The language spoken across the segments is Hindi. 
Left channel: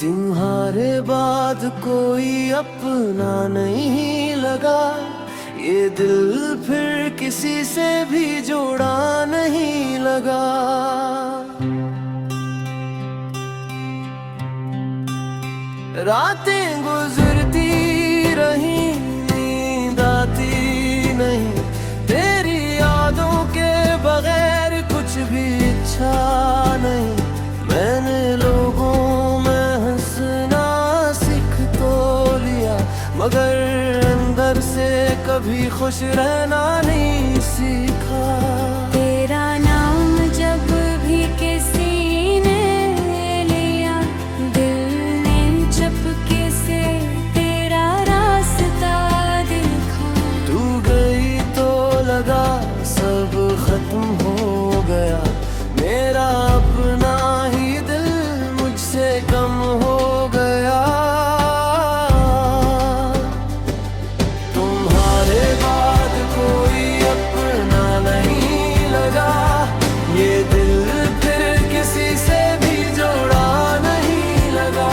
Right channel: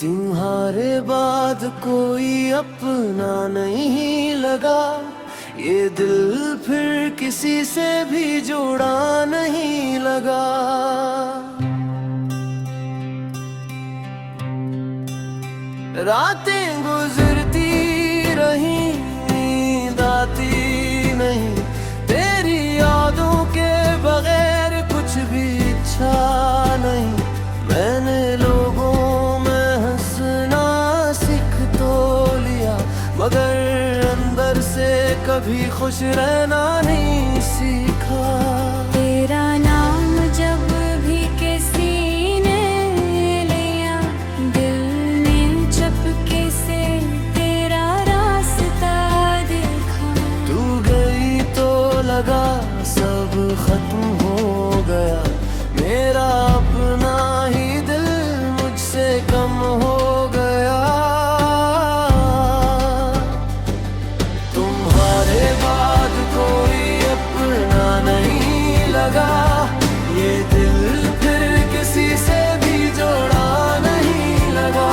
तुम्हारे बाद कोई अपना नहीं लगा, ये दिल फिर किसी से भी जोड़ा नहीं लगा। रातें गुजरती रही, नींद आती नहीं, तेरी यादों के बगैर कुछ भी इच्छा नहीं। मैंने लोगों में हंसना सीख तो लिया, मगर अंदर से कभी खुश रहना नहीं सीखा। तेरा नाम जब भी किसी ने लिया, दिल ने चुपके से तेरा रास्ता देखा। तू गई तो लगा सब खत्म हो गया, मेरा अपना ही दिल मुझसे कम हो गया। तुम्हारे बाद कोई अपना नहीं लगा, ये दिल फिर किसी से भी जोड़ा नहीं लगा।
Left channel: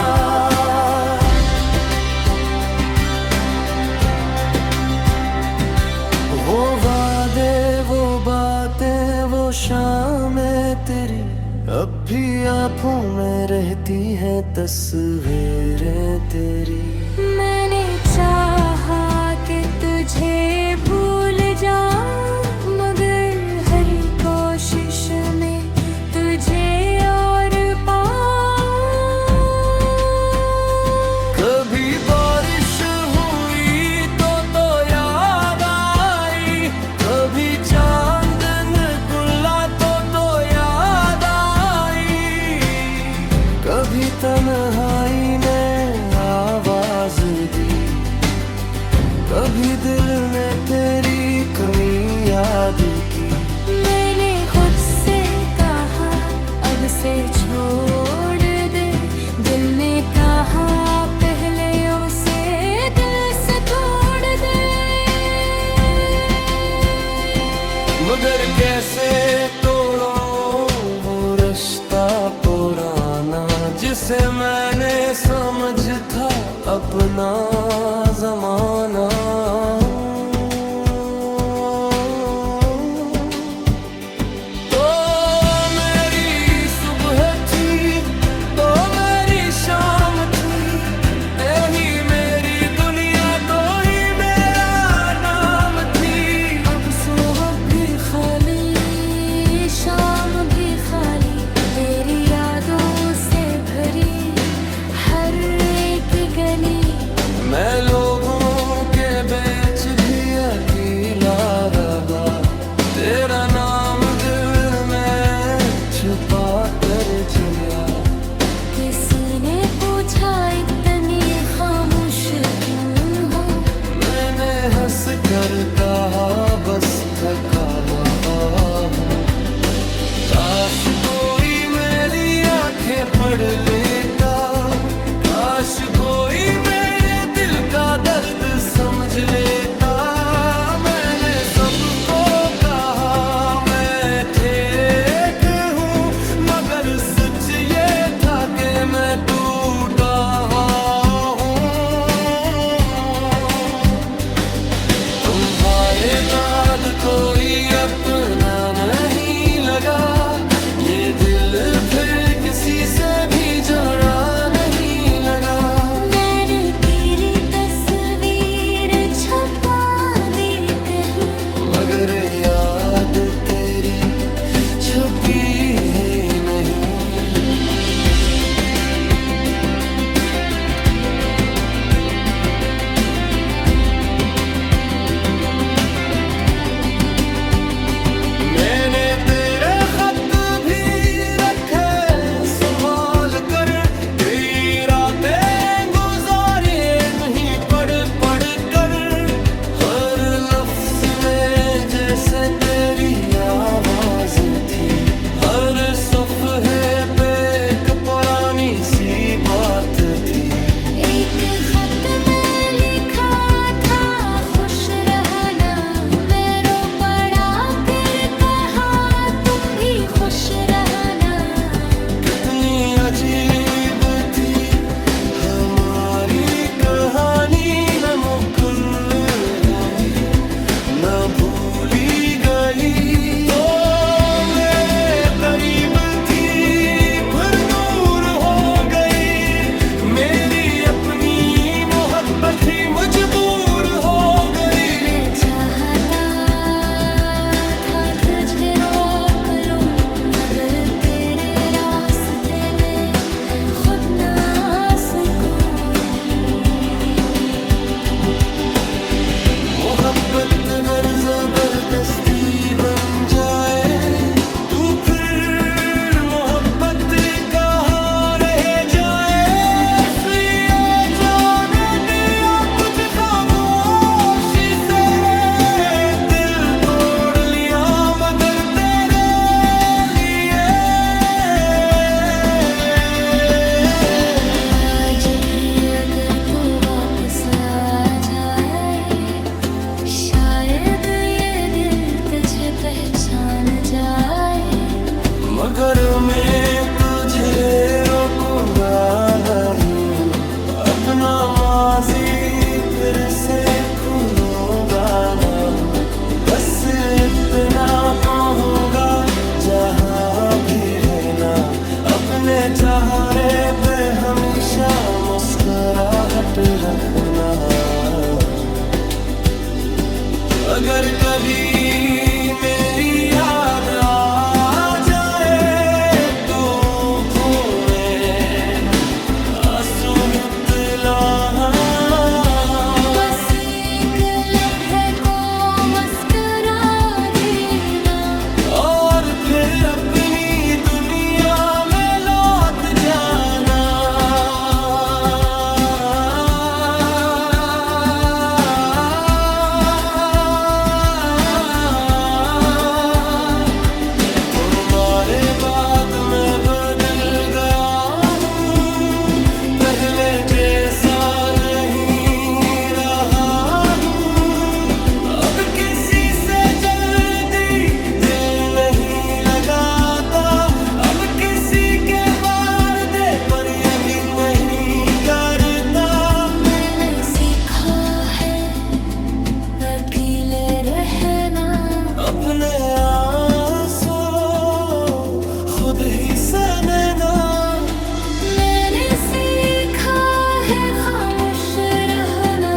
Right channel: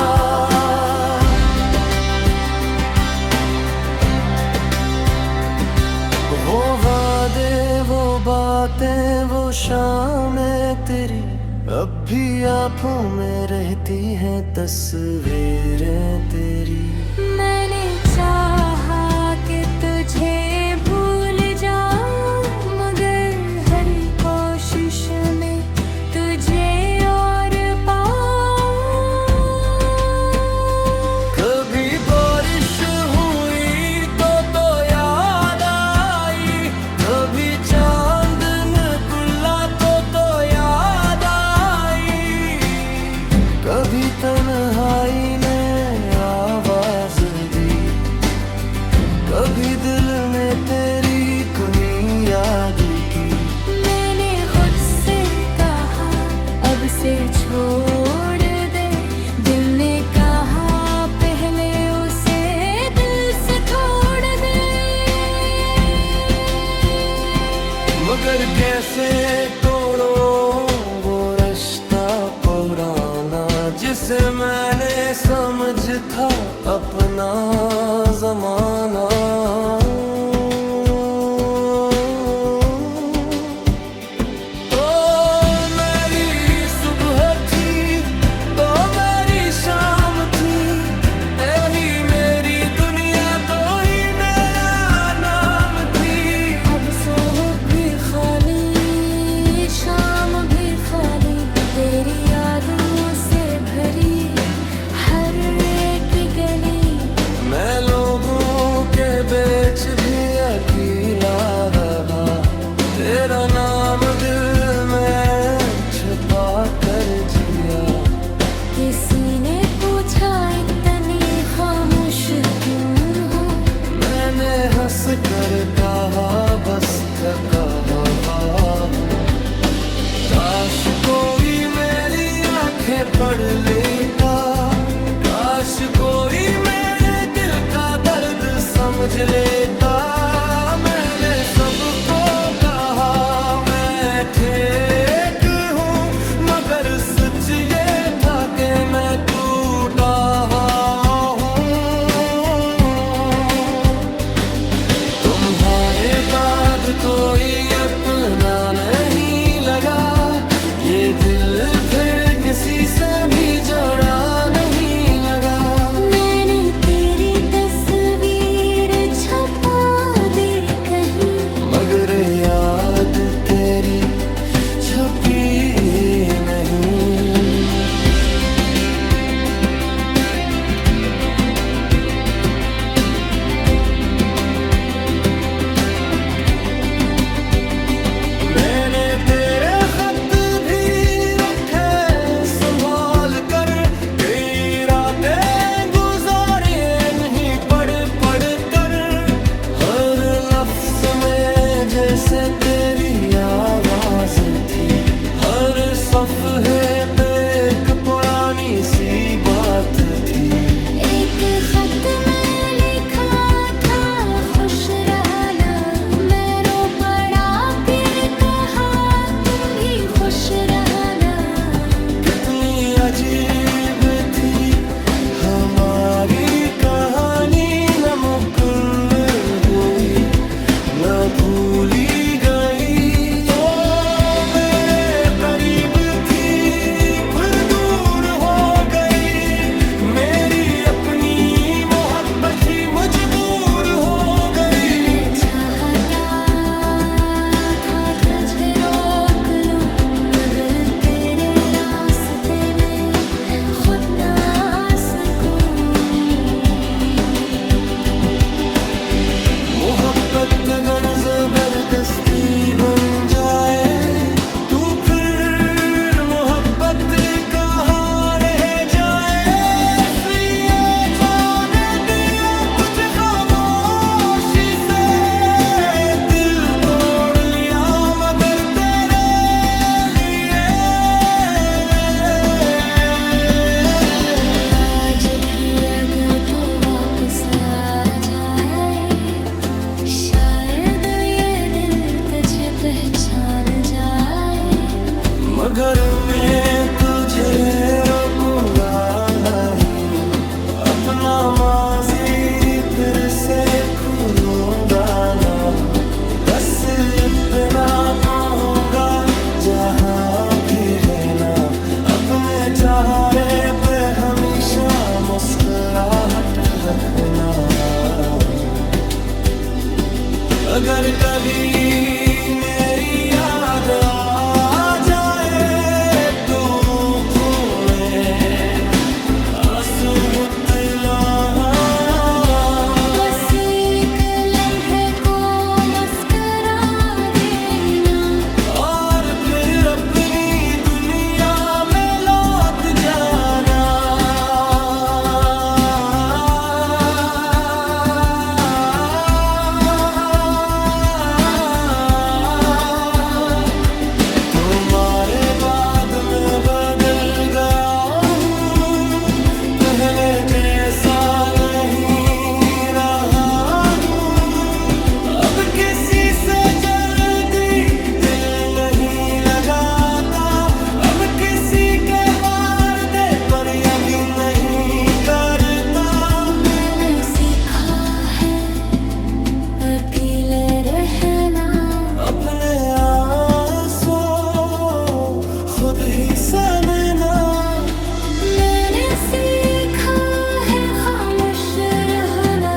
वो वादे, वो बातें, वो शामें तेरी अब भी आँखों में रहती हैं तस्वीरें तेरी। मैंने चाहा कि तुझे भूल जाऊं, मगर हर कोशिश में तुझे और पाऊं। कभी बारिश हुई तो याद आई, कभी चांद निकला तो याद आई, कभी तन्हाई ने आवाज दी, कभी दिल ने तेरी कमी याद की। मैंने खुद से कहा अब से छोड़ दे, दिल ने कहा पहले उसे दिल से तोड़ दे। मगर कैसे तोड़ो वो रिश्ता पुराना, जिसे मैंने समझ था अपना जमाना। तो मेरी सुबह थी, तो मेरी शाम थी, तो ही मेरी दुनिया, तो ही मेरा नाम थी। अब सुबह भी खाली, शाम भी खाली, तेरी यादों से भरी हर एक गली। मैं लोगों के बीच भी अकेला रहा, तेरा नाम दिल में छुपा कर जिया। किसी ने पूछा इतनी खामोश क्यों हो, मैंने हंस कर कहा बस थका हुआ हूँ। काश कोई मेरी आंखें पढ़ लेता, काश कोई मेरे दिल का दर्द समझ लेता। मैंने सबको कहा मैं ठीक हूँ, मगर सच ये था कि मैं टूटा हुआ हूँ। तुम्हारे बाद कोई अपना नहीं लगा, ये दिल फिर किसी से भी जोड़ा नहीं लगा। मैंने तेरी तस्वीर छपा दी कहीं, मगर याद तेरी छुपी है नहीं। मैंने तेरे खत भी रखे संभाल कर, कई रातें गुजारे नहीं पढ़ पढ़ कर। हर लफ्ज में जैसे तेरी आवाज थी, हर सफ़हे पे एक पुरानी सी बात थी। एक खत में लिखा था खुश रहना, मैं रो पड़ा फिर कहा तुम भी खुश रहना। कितनी अजीब थी मोहब्बत अगर जबरदस्ती बन जाए तू फिर मोहब्बत कहाँ रह जाए। इसलिए जाने दिया तुझे खामोशी से, दिल तोड़ लिया मगर तेरे लिए। आज भी अगर तो वापस आ जाए, शायद ये दिल तुझे पहचान जाए। मगर मैं तुझे रोकूंगा नहीं, अपना माजी फिर से भूलूंगा ना हूँ। बस इतना पाऊंगा जहाँ भी रहना, अपने चेहरे पे हमेशा मुस्कुराहट रखना। अगर कभी मेरी याद आ जाए तो आँखों में आंसू पिला। बस एक लम्हे को मुस्कुरा देना, और फिर अपनी दुनिया में लौट जाना। तुम्हारे बाद मैं बदल गया हूँ, पहले जैसा नहीं रहा हूँ। अब किसी से जल्दी दिल नहीं लगाता, अब किसी के वादे पर यकीन नहीं करता। मैंने सीखा है अकेले रहना, अपने आंसू खुद ही सहना। मैंने सीखा है खामोश रहना।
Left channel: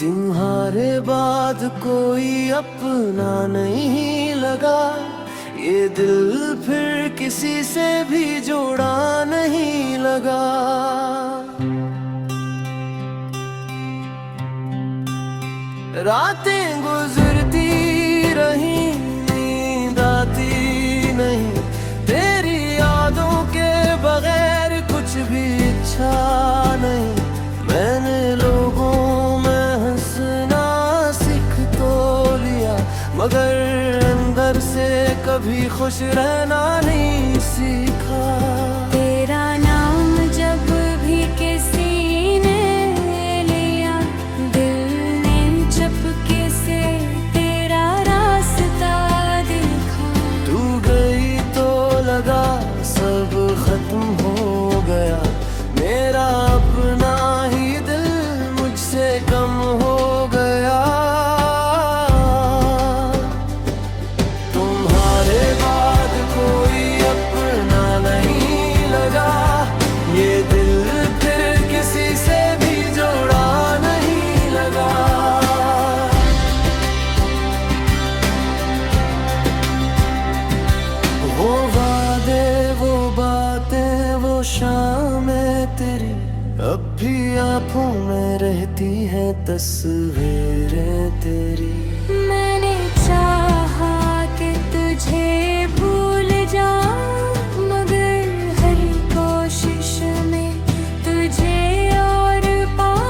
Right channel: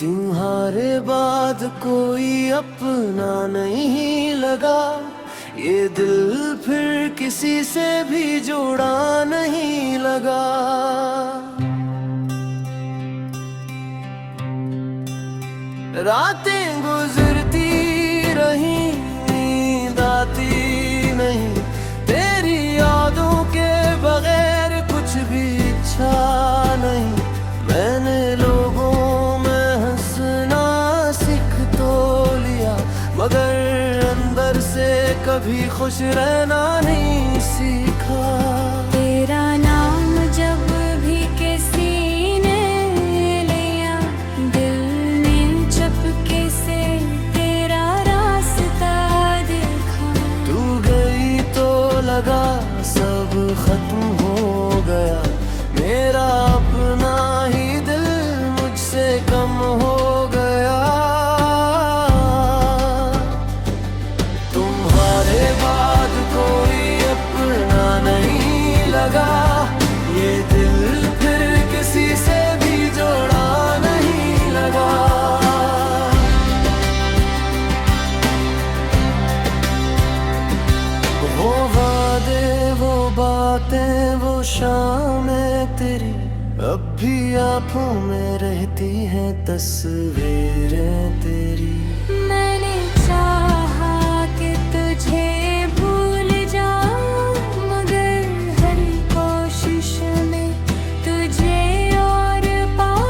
तुम्हारे बाद कोई अपना नहीं लगा, ये दिल फिर किसी से भी जोड़ा नहीं लगा। रातें गुजरती रही, नींद आती नहीं, तेरी यादों के बगैर कुछ भी इच्छा नहीं। मैंने लोगों में हंसना सीख तो लिया, मगर अंदर से कभी खुश रहना नहीं सीखा। तेरा नाम जब भी किसी ने लिया, दिल ने चुपके से तेरा रास्ता देखा। तू गई तो लगा सब खत्म हो गया, मेरा अपना ही दिल मुझसे कम हो गया। तुम्हारे बाद कोई अपना नहीं लगा, ये दिल फिर किसी से भी जोड़ा नहीं लगा। वो वादे, वो बातें, वो शामें तेरी अब भी आँखों में रहती हैं तस्वीरें तेरी। मैंने चाहा कि तुझे भूल जाऊं, मगर हर कोशिश में तुझे और पाऊं।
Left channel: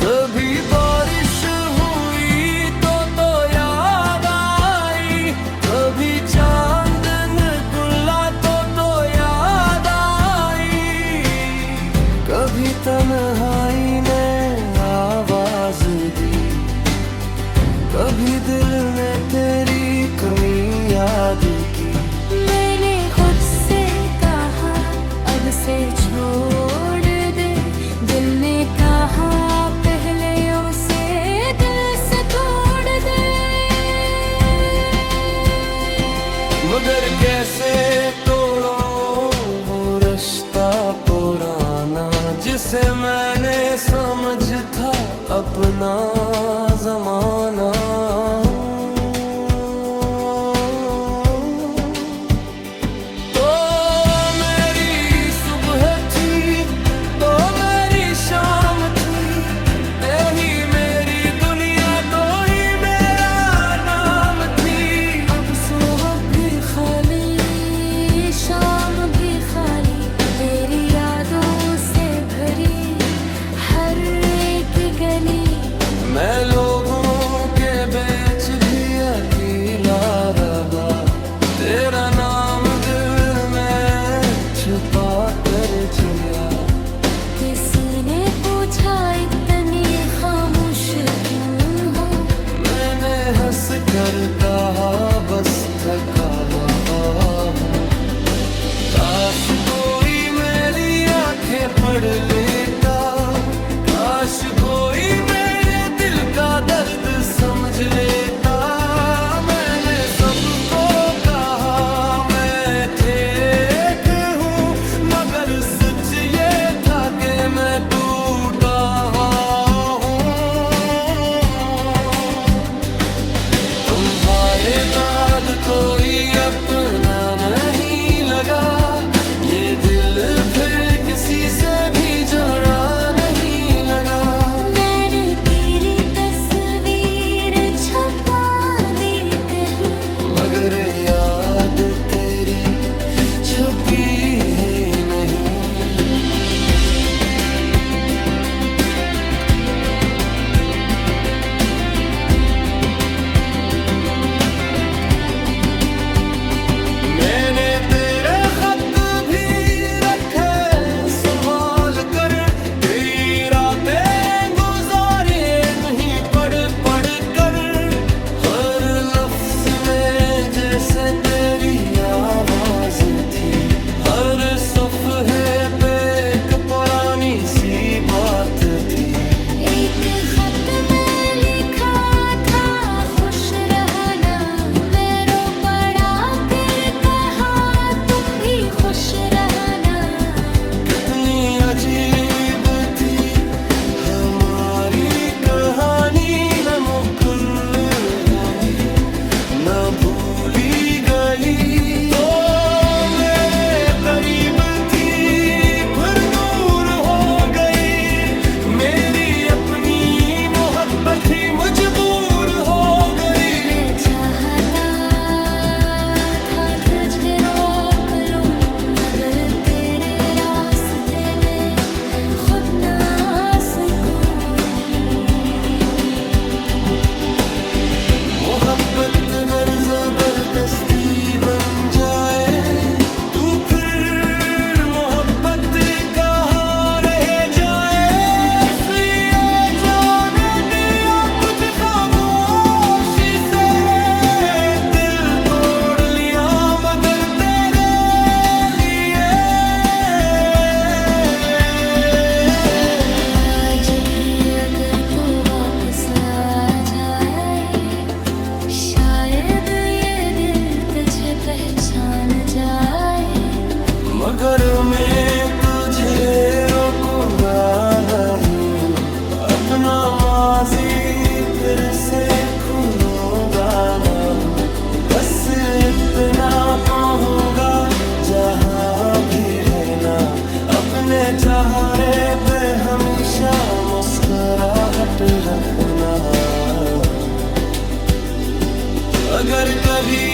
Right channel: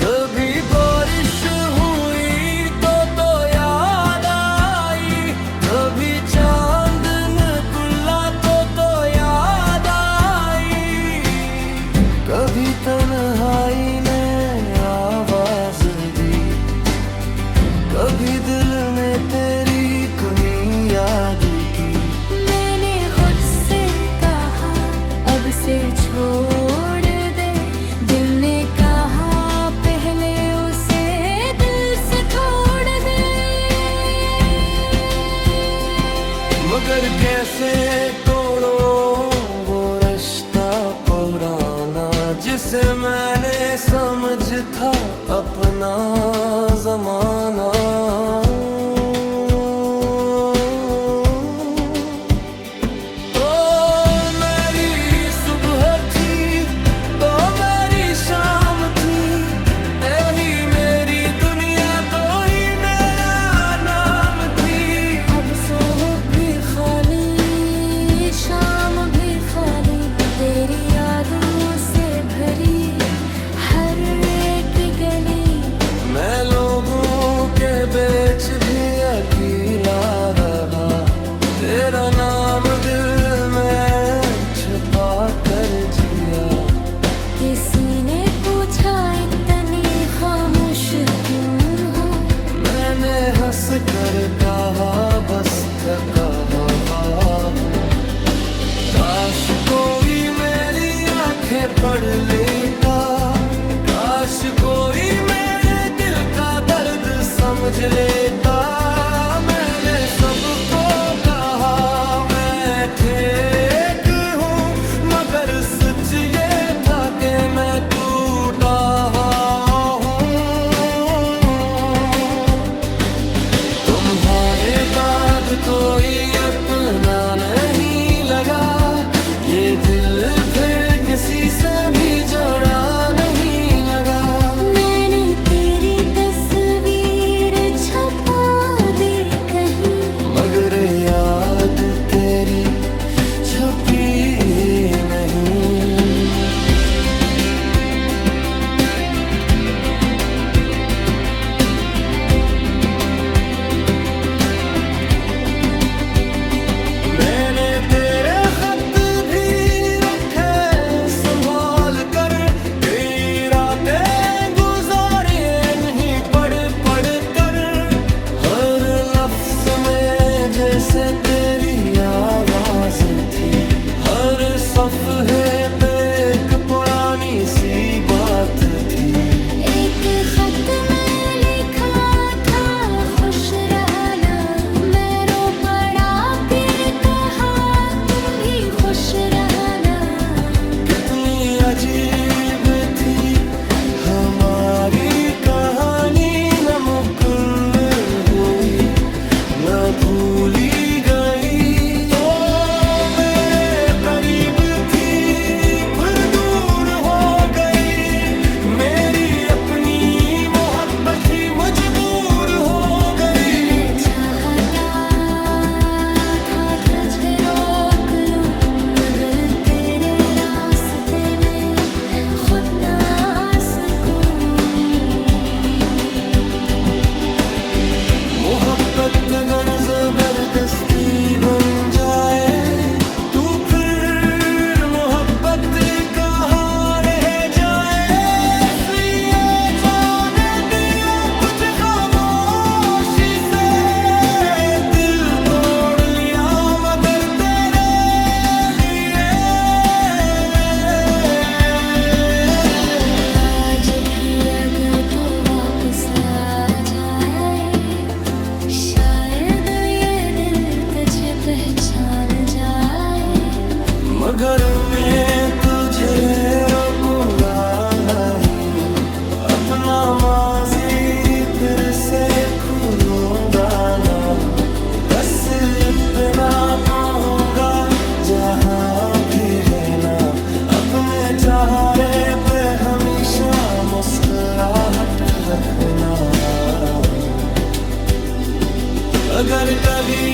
कभी बारिश हुई तो याद आई, कभी चांद निकला तो याद आई, कभी तन्हाई ने आवाज दी, कभी दिल ने तेरी कमी याद की। मैंने खुद से कहा अब से छोड़ दे, दिल ने कहा पहले उसे दिल से तोड़ दे। मगर कैसे तोड़ो वो रिश्ता पुराना, जिसे मैंने समझ था अपना जमाना। किसी ने पूछा इतनी खामोश क्यों हो, मैंने हंस कर कहा बस थका हुआ हूँ। काश कोई मेरी आंखें पढ़ लेता, काश कोई मेरे दिल का दर्द समझ लेता। मैंने सबको कहा मैं ठीक हूँ, मगर सच ये था कि मैं टूटा हुआ हूँ। तुम्हारे बाद कोई अपना नहीं लगा, ये दिल फिर किसी से भी जोड़ा नहीं लगा। मैंने तेरी तस्वीर छपा दी कहीं, मगर याद तेरी छुपी ही नहीं। मैंने तेरे खत भी रखे संभाल कर, कई रातें गुजारी नहीं पढ़ पढ़ कर। हर लफ्ज में जैसे तेरी आवाज थी, हर सफ़हे पे एक पुरानी सी बात थी। एक खत में लिखा था खुश रहना, मैं रो पड़ा फिर कहा तुम भी खुश रहना। कितनी अजीब थी हमारी कहानी, न मुकम्मल हुई न भूली गई। तो मेरे करीब थी फिर दूर हो गई, मेरी अपनी मोहब्बत ही मजबूर हो गई। मैं चाहता था तुझे रोक लूं, मगर तेरे रास्ते में खुद ना सकूं। मोहब्बत गर जबरदस्ती बन जाए, तू फिर मोहब्बत कहाँ रह जाए। इसलिए जाने दिया तुझे खामोशी से, दिल तोड़ लिया मगर तेरे लिए। आज भी अगर तो वापस आ जाए, शायद ये दिल तुझे पहचान जाए। मगर मैं तुझे रोकूंगा नहीं, अपना माजी फिर से भूलूंगा ना हूँ। बस इतना पाऊंगा जहाँ भी रहना, अपने चेहरे पे हमेशा मुस्कुराहट रखना। अगर कभी